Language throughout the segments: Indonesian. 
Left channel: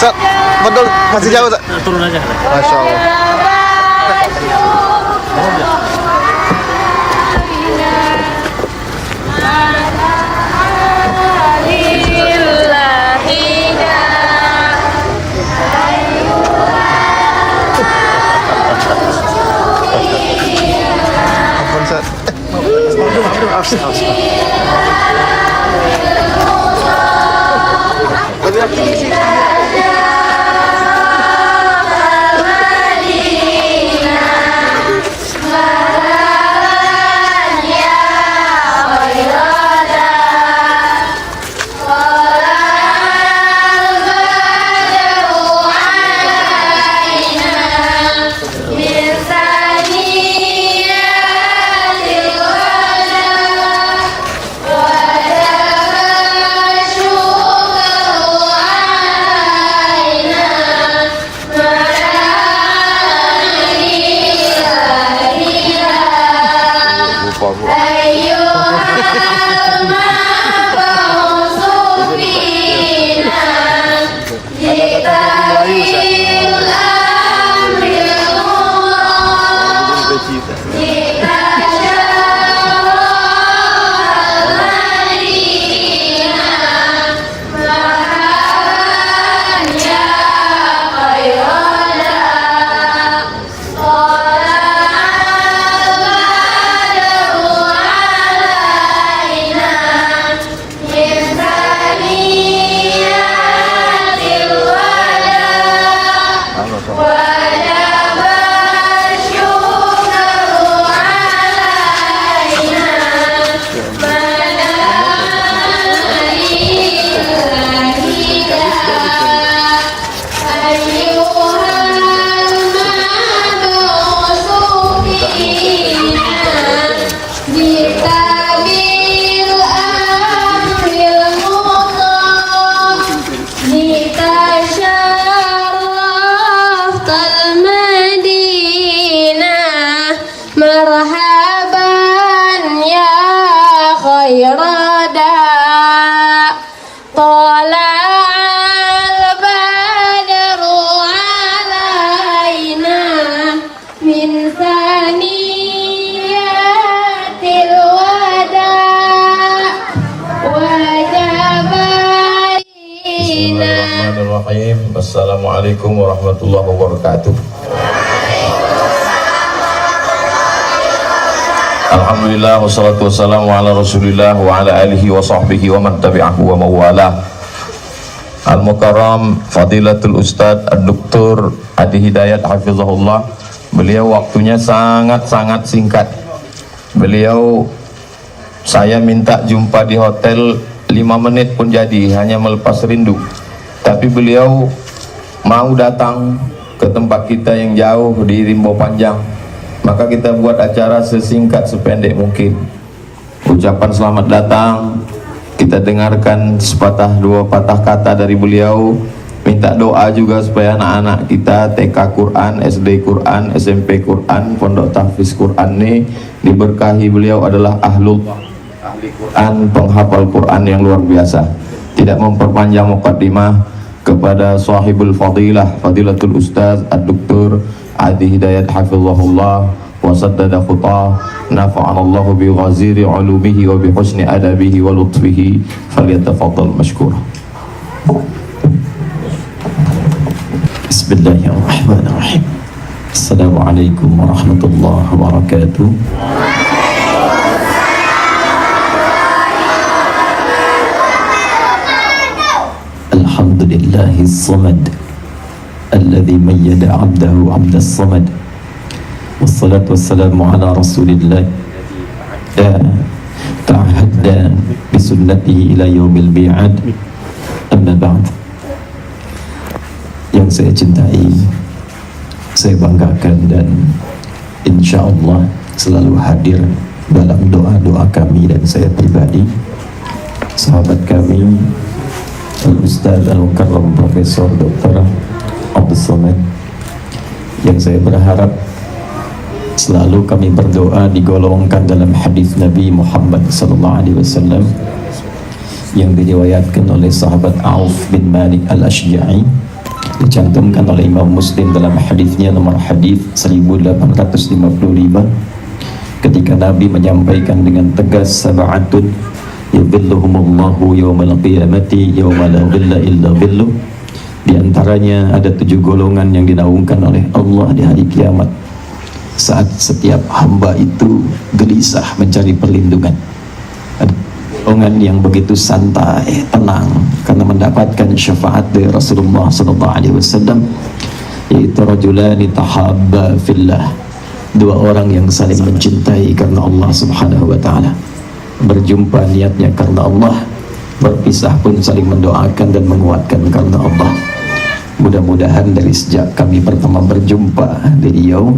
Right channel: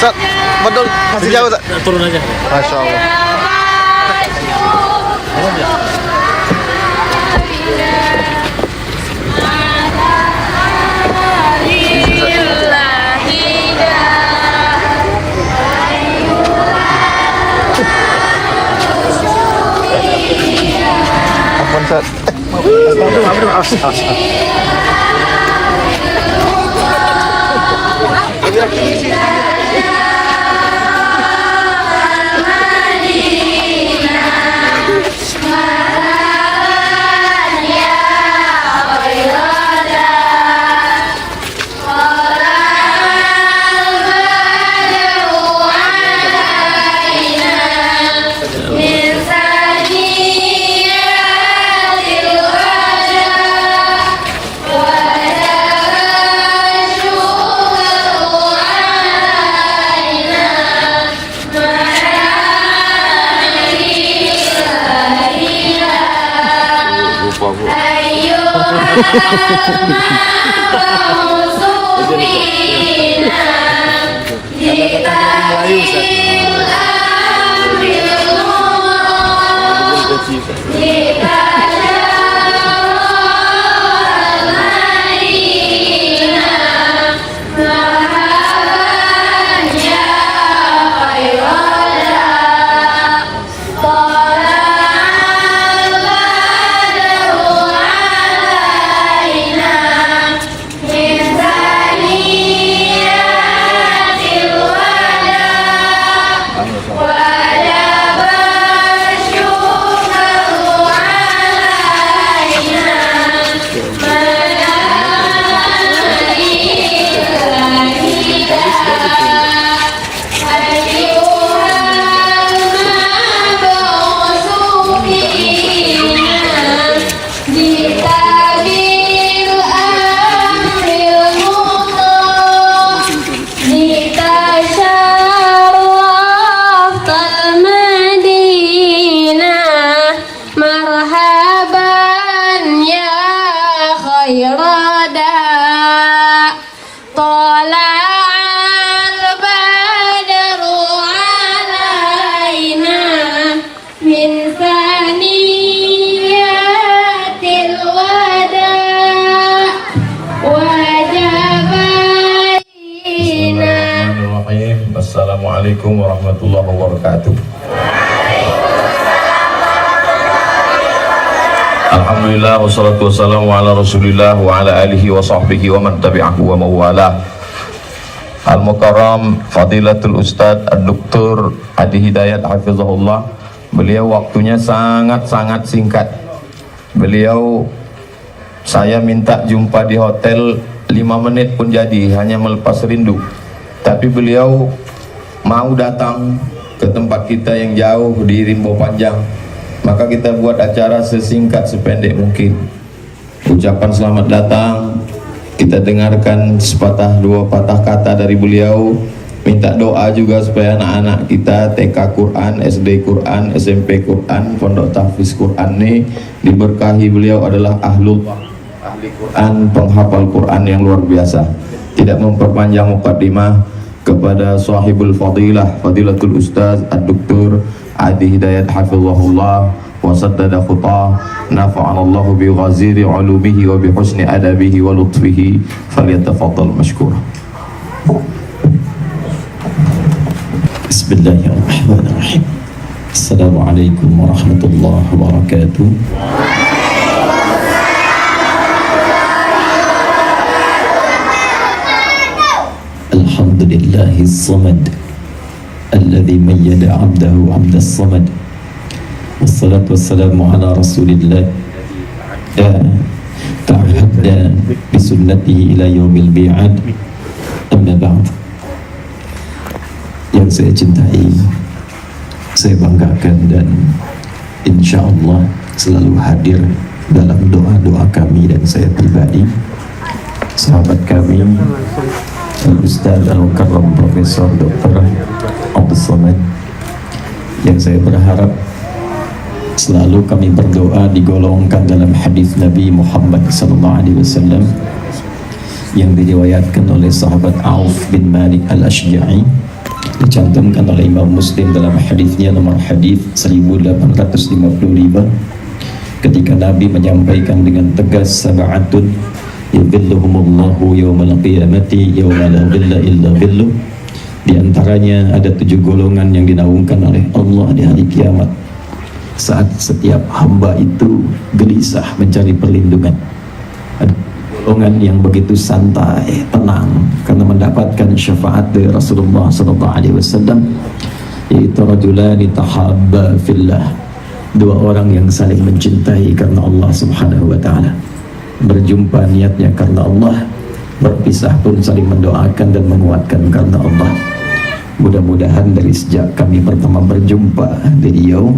Sat, betul masih jauh tak? Turun aja. Masya Allah. Ampun Sat. Melayu Assalamualaikum warahmatullahi wabarakatuh. Alhamdulillah wassalatu wassalamu ala rasulillah wa ala alihi wa sahbihi wa man tabi'ahu wa mawala. Al-Mukarram Fadilatul Ustadz Ad-Doktor Adi Hidayat Hafizahullah. Beliau waktunya sangat-sangat singkat. Saya minta jumpa di hotel 5 menit pun jadi, hanya melepas rindu. Tapi beliau mau datang ke tempat kita yang jauh di Rimbo Panjang, maka kita buat acara sesingkat sependek mungkin. Ucapan selamat datang kita dengarkan sepatah dua patah kata dari beliau. Minta doa juga supaya anak-anak kita TK Quran, SD Quran, SMP Quran, Pondok Tahfiz Quran ini diberkahi. Beliau adalah ahli Quran, penghafal Quran yang luar biasa. Tidak memperpanjang muqaddimah, kepada sahibul fadilah Fadilatul Ustaz Ad-Doktor Adi Hidayat Hafizahullah wa saddada khutah, nafa'anallahu bi ghaziri ulumihi wa bi husni adabihi wa lutfihi, falyatafaddal mashkur. Bismillahirrahmanirrahim. Assalamualaikum warahmatullahi wabarakatuh. Alhamdulillahis samad alladzi mayyada 'abdahu 'abdas samad. Wassalatu wassalamu ala rasulillah ta'ahadna bisunnatihi ila yaumil bi'ad. Amma ba'd. Yang saya cintai, saya banggakan, dan insya Allah selalu hadir dalam doa-doa kami dan saya pribadi, sahabat kami Al-Ustaz Al-Mukarram Profesor Dr. Abdul Somad, yang saya berharap selalu kami berdoa digolongkan dalam hadis Nabi Muhammad SAW yang diriwayatkan oleh sahabat Auf bin Malik Al-Ashja'i dicantumkan oleh Imam Muslim dalam hadisnya nomor hadis 1855 ketika Nabi menyampaikan dengan tegas, sab'atun yudhilluhumullahu yawmal qiyamati yawma la dhilla illa dhilluh. Di antaranya ada 7 golongan yang dinaungkan oleh Allah di hari kiamat saat setiap hamba itu gelisah mencari perlindungan. Ada golongan yang begitu santai, tenang karena mendapatkan syafaat dari Rasulullah SAW, yaitu rajulani tahabba fillah, 2 orang yang saling mencintai karena Allah Subhanahu wa taala. Berjumpa niatnya karena Allah, berpisah pun saling mendoakan dan menguatkan karena Allah. Mudah-mudahan dari sejak kami pertama berjumpa di Riau,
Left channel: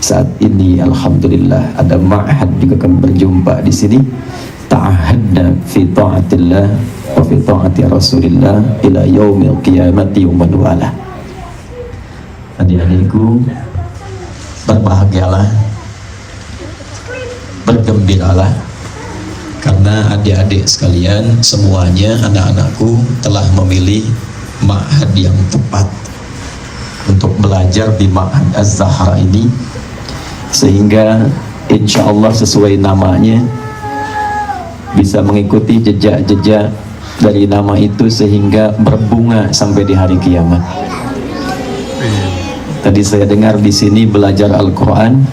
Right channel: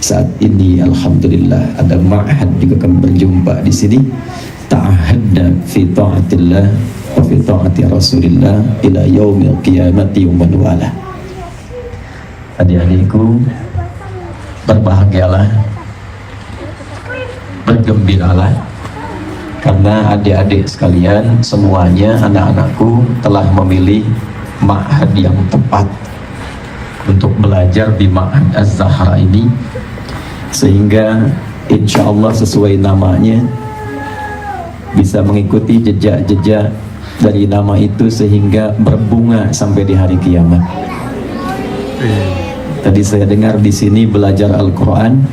saat ini alhamdulillah ada ma'had juga kami berjumpa di sini. Ta'ahadna fi ta'atillah wa fi ta'ati Rasulillah ila yaumil qiyamati wa man wala. Adik-adikku, berbahagialah, bergembiralah, karena adik-adik sekalian semuanya, anak-anakku telah memilih ma'had yang tepat untuk belajar di Ma'had Az-Zahra ini, sehingga insya Allah sesuai namanya bisa mengikuti jejak-jejak dari nama itu sehingga berbunga sampai di hari kiamat. Tadi saya dengar di sini belajar Al-Quran.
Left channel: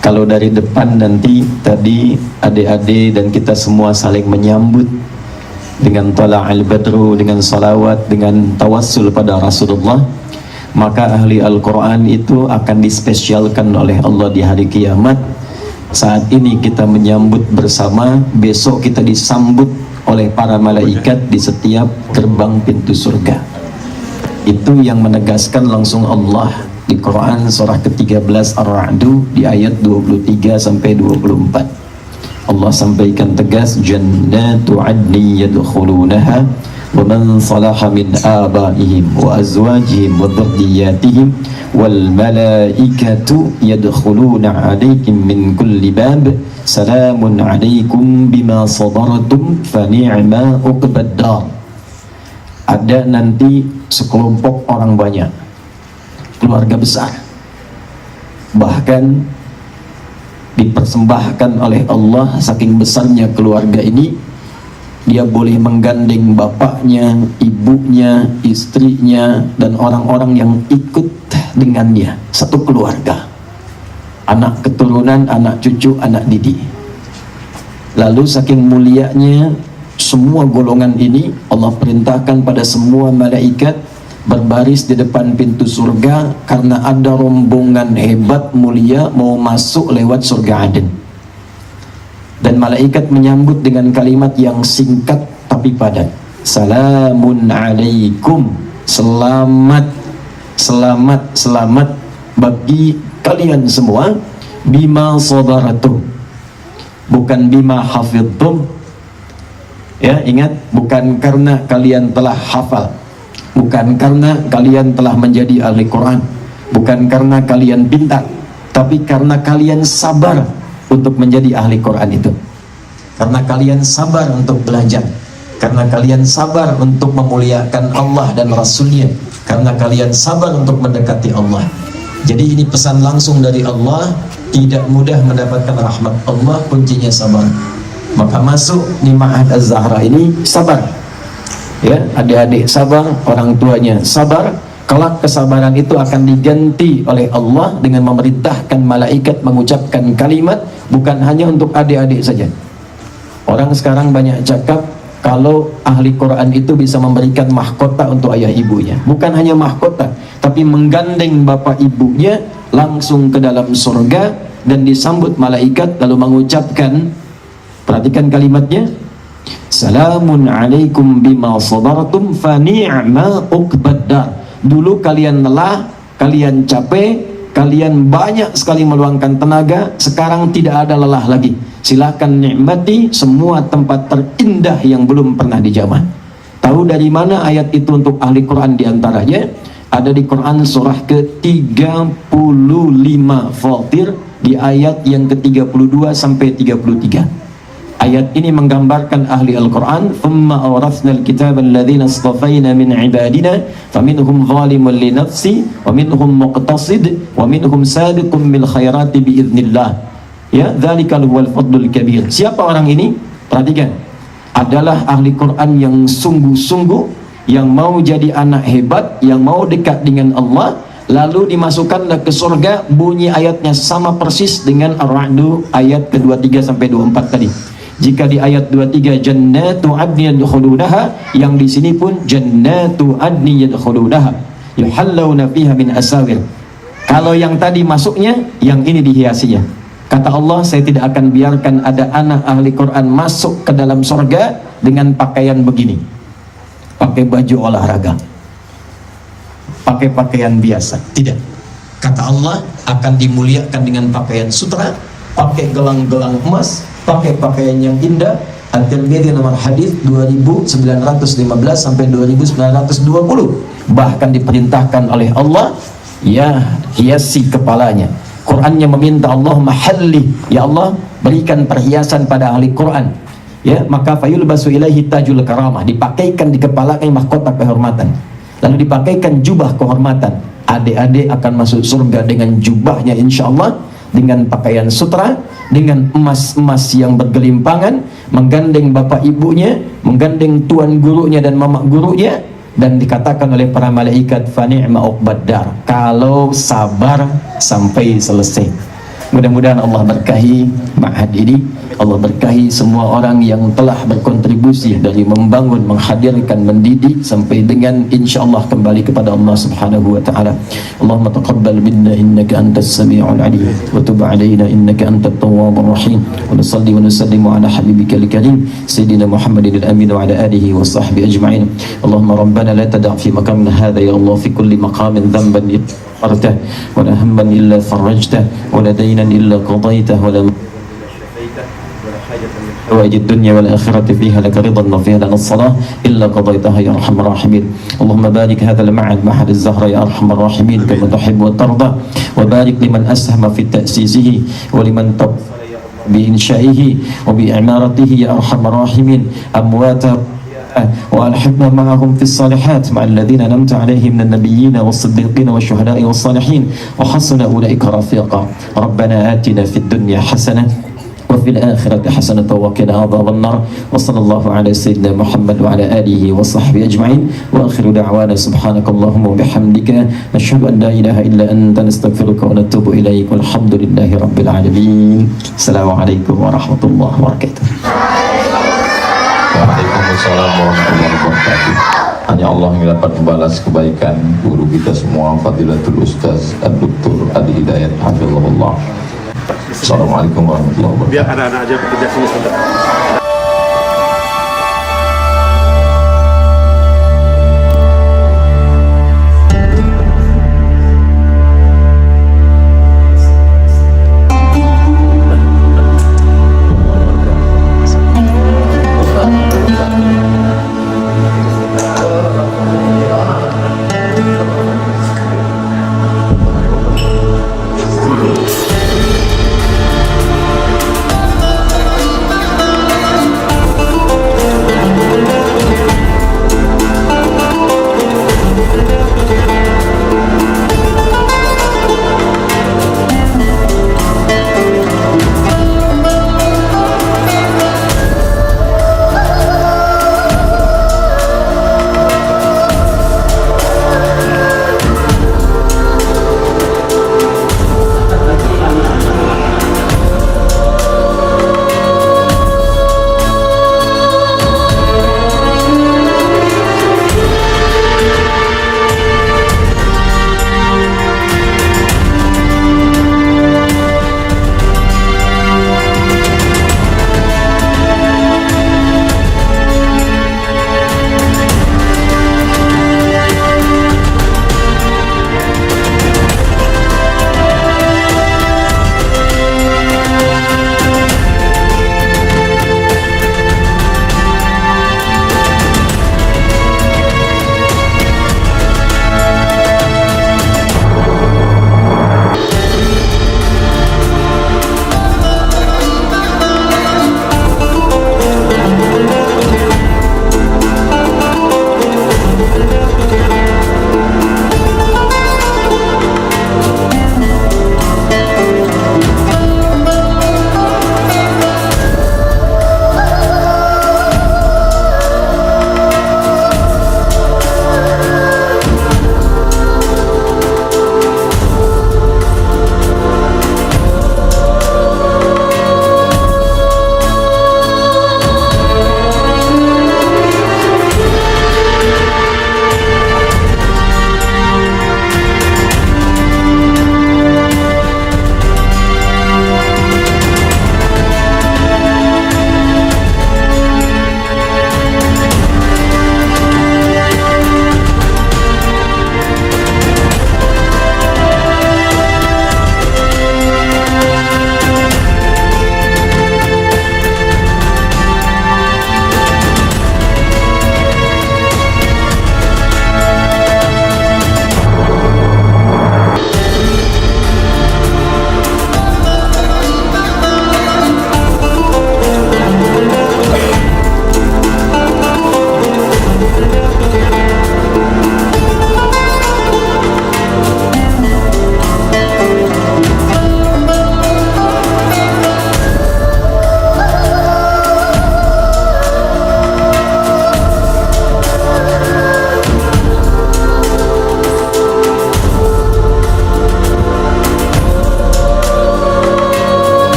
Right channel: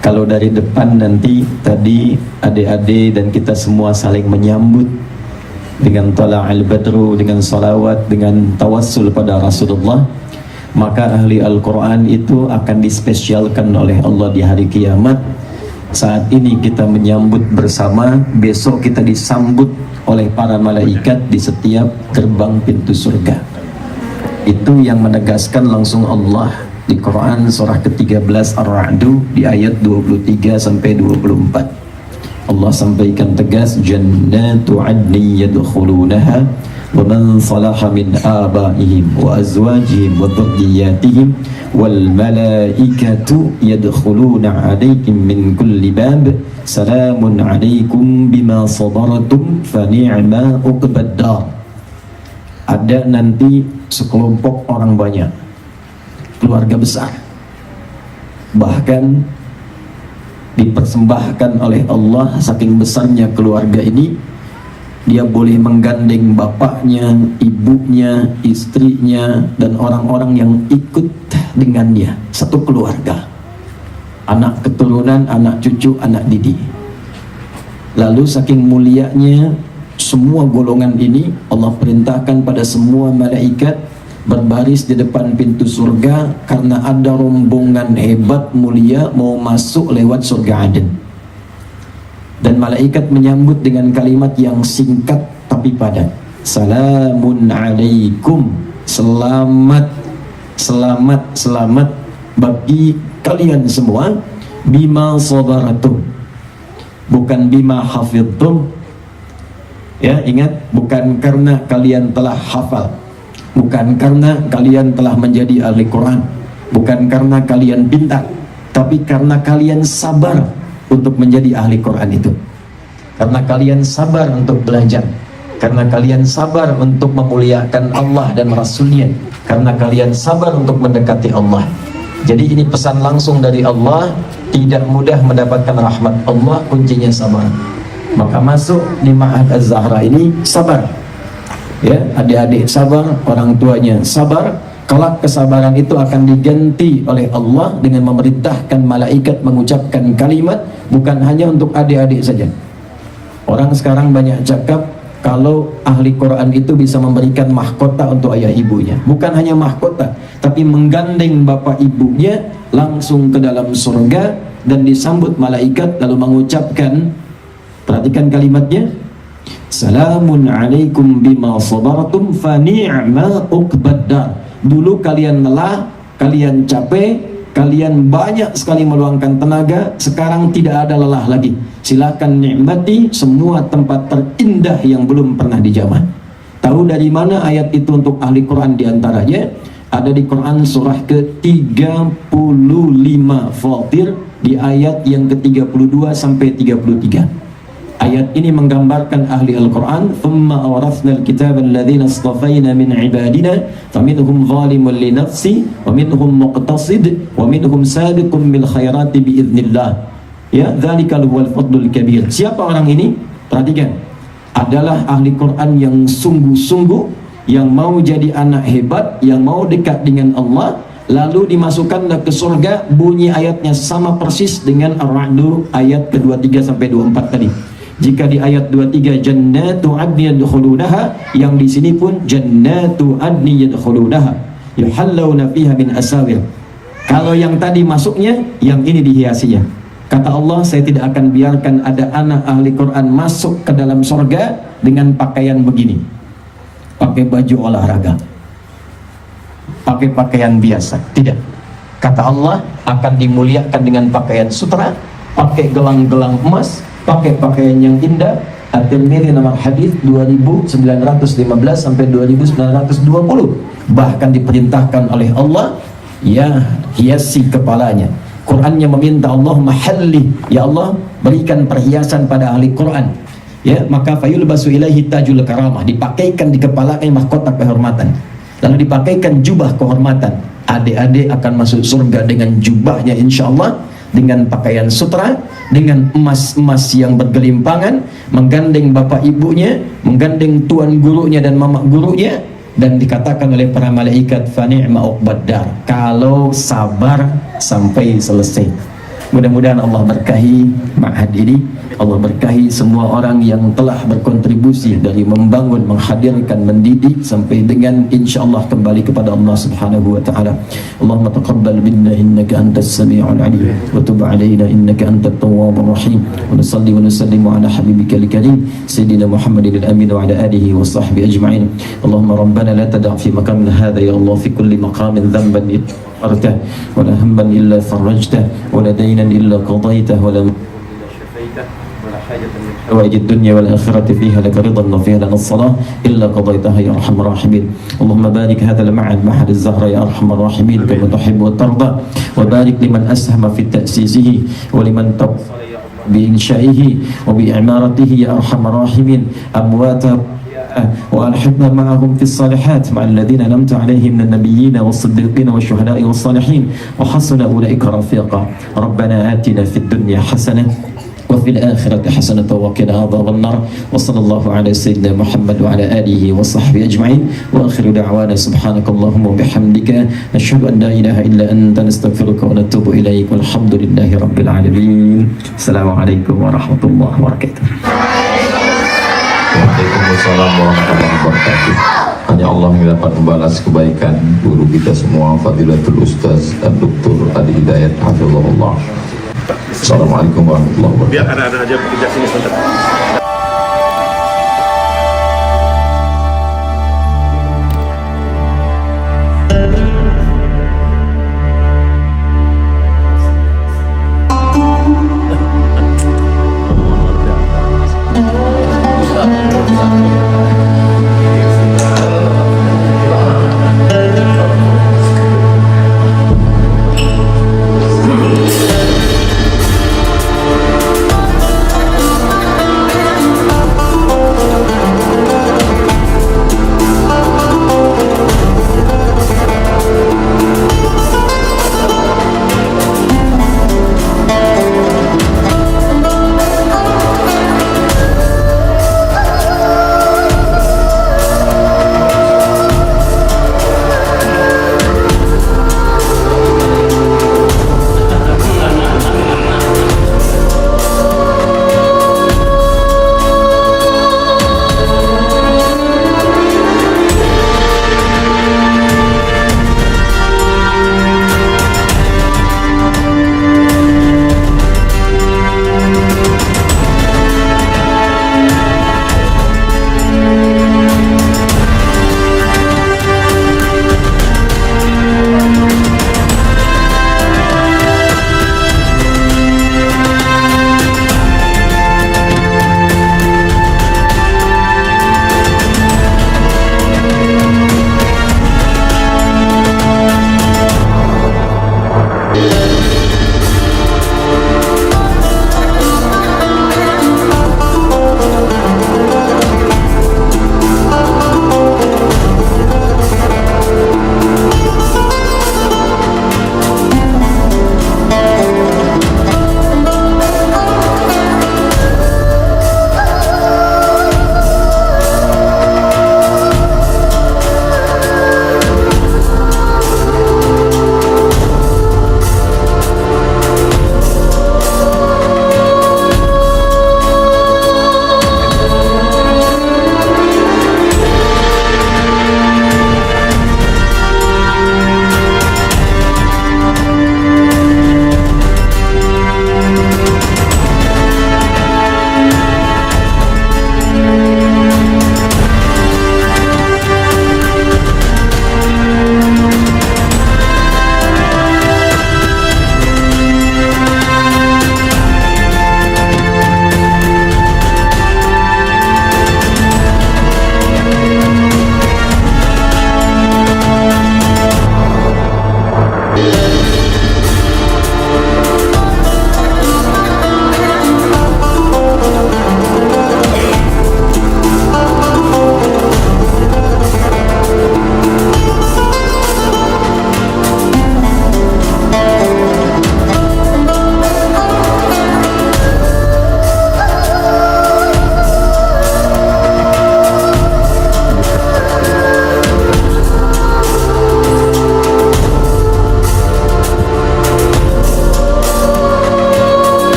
Kalau dari depan nanti tadi adik-adik dan kita semua saling menyambut dengan tala'al badru, dengan salawat, dengan tawassul pada Rasulullah, maka ahli Al-Quran itu akan dispesialkan oleh Allah di hari kiamat. Saat ini kita menyambut bersama, besok kita disambut oleh para malaikat di setiap gerbang pintu surga. Itu yang menegaskan langsung Allah di Quran surah ke-13 Ar-Ra'du di ayat 23 sampai 24. Allah sampaikan tegas, jannatu adni yadkhulunaha wa man salaha min abaihim wa azwajihim wa dhurriyyatihim wal malaikatu yadkhuluna alaikum min kulli bab salamun alaikum bima sabartum fa ni'ma uqbad dar. Ada nanti sekelompok orang banyak, keluarga besar, bahkan dipersembahkan oleh Allah. Saking besarnya keluarga ini, dia boleh menggandeng bapaknya, ibunya, istrinya, dan orang-orang yang ikut dengannya, satu keluarga, anak keturunan, anak cucu, anak didik. Lalu saking mulianya semua golongan ini, Allah perintahkan pada semua malaikat berbaris di depan pintu surga, karena ada rombongan hebat mulia mau masuk lewat surga Aden. Dan malaikat menyambut dengan kalimat yang singkat tapi padat, salamun alaikum, selamat, selamat, selamat bagi kalian semua, bima sadaratum, bukan bima hafidtum. Ya, ingat, bukan karena kalian telah hafal, bukan karena kalian telah menjadi ahli Quran, bukan karena kalian pintar, tapi karena kalian sabar untuk menjadi ahli Quran itu. Karena kalian sabar untuk belajar, karena kalian sabar untuk memuliakan Allah dan Rasulnya, karena kalian sabar untuk mendekati Allah. Jadi ini pesan langsung dari Allah, tidak mudah mendapatkan rahmat Allah, kuncinya sabar. Maka masuk di Ma'had Az-Zahra ini sabar. Ya, adik-adik sabar, orang tuanya sabar. Kelak kesabaran itu akan diganti oleh Allah dengan memerintahkan malaikat mengucapkan kalimat, bukan hanya untuk adik-adik saja. Orang sekarang banyak cakap kalau ahli Quran itu bisa memberikan mahkota untuk ayah ibunya. Bukan hanya mahkota, tapi menggandeng bapak ibunya langsung ke dalam surga dan disambut malaikat lalu mengucapkan, perhatikan kalimatnya, salamun alaikum bima sabartum fa ni'ma uqbad dar. Dulu kalian lelah, kalian capek, kalian banyak sekali meluangkan tenaga, sekarang tidak ada lelah lagi. Silakan nikmati semua tempat terindah yang belum pernah dijamah. Tahu dari mana ayat itu untuk ahli Quran? Diantaranya ada di Quran surah ke-35 Fatir di ayat yang ke-32 sampai 33. Ayat ini menggambarkan ahli Al-Quran. Thumma awrathna al-kitaba alladhina astafayna min ibadina faminhum zalimun li nafsi wa minhum muqtasid wa minhum sabiqun bil khairati biiznillah. Ya, dzalikal huwal fadlul kabir. Siapa orang ini? Perhatikan. Adalah ahli Quran yang sungguh-sungguh, yang mau jadi anak hebat, yang mau dekat dengan Allah, lalu dimasukkanlah ke surga. Bunyi ayatnya sama persis dengan Ar-Ra'd ayat ke-23 sampai 24 tadi. Jika di ayat 23 jannatu adni yadkhulunaha, yang di sini pun jannatu adni yadkhulunaha yuhallawna fiha min asawir. Kalau yang tadi masuknya, yang ini dihiasinya. Kata Allah, saya tidak akan biarkan ada anak ahli Quran masuk ke dalam surga dengan pakaian begini, pakai baju olahraga, pakai pakaian biasa. Tidak. Kata Allah, akan dimuliakan dengan pakaian sutra, pakai gelang-gelang emas, pakai pakaian yang indah. At-Tirmidzi nomor hadis 2915 sampai 2920. Bahkan diperintahkan oleh Allah, ya, hiasi kepalanya. Qurannya meminta Allah mahalli, ya Allah berikan perhiasan pada ahli Quran. Ya, maka fayulbasu ilaihi tajul karamah, dipakaikan di kepalanya mahkota kehormatan. Lalu dipakaikan jubah kehormatan. Adik-adik akan masuk surga dengan jubahnya insyaallah, dengan pakaian sutra, dengan emas-emas yang bergelimpangan, menggandeng bapak ibunya, menggandeng tuan gurunya dan mama gurunya, dan dikatakan oleh para malaikat fa ni'ma uqbaddar, kalau sabar sampai selesai. Mudah-mudahan Allah berkahi ma'had ini, Allah berkahi semua orang yang telah berkontribusi dari membangun, menghadirkan, mendidik sampai dengan insyaallah kembali kepada Allah Subhanahu wa taala. Allahumma taqabbal minna innaka antas samiul alim wa tub alaina innaka antat tawwabur rahim. Wa nusalli wa nusallimu ala habibikal karim sayyidina Muhammadin al-amin wa ala alihi wa sahbihi ajma'in. Allahumma rabbana la tada' fi maqamina hadha ya Allah fi kulli maqamin dhanban غفرته ولا هما إلا فرجته ولا دينا إلا قضيته ولا حوائج الدنيا والآخرة فيها لك رضا وفيها لنا الصلاة إلا قضيتها يا أرحم الراحمين. اللهم بارك هذا المعهد معهد الزهرة يا أرحم الراحمين كما تحب وترضى، وبارك لمن أسهم في تأسيسه ولمن بإنشائه وبإعمارته يا أرحم الراحمين. أمواته وألحقنا معهم في الصالحات مع الذين أنعمت عليهم من النبيين والصديقين والشهداء والصالحين وحسن أولئك رفيقا. ربنا آتنا في الدنيا حسنة وفي الآخرة حسنة وقنا عذاب النار. وصلى الله على سيدنا محمد وعلى آله وصحبه أجمعين. وآخر دعوانا سبحانك اللهم وبحمدك نشهد أن لا إله إلا أنت نستغفرك ونتوب إليك والحمد لله رب العالمين. السلام عليكم ورحمة الله وبركاته. Waalaikumsalam warahmatullahi wabarakatuh. Hanya Allah yang dapat membalas kebaikan guru kita semua, Fadilatul Ustaz Dr. Adi Hidayat Hafizahullah. Assalamualaikum warahmatullahi wabarakatuh. Biar anak-anak aja tidak sini saja.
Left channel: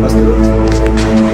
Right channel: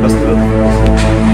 Pas dulu.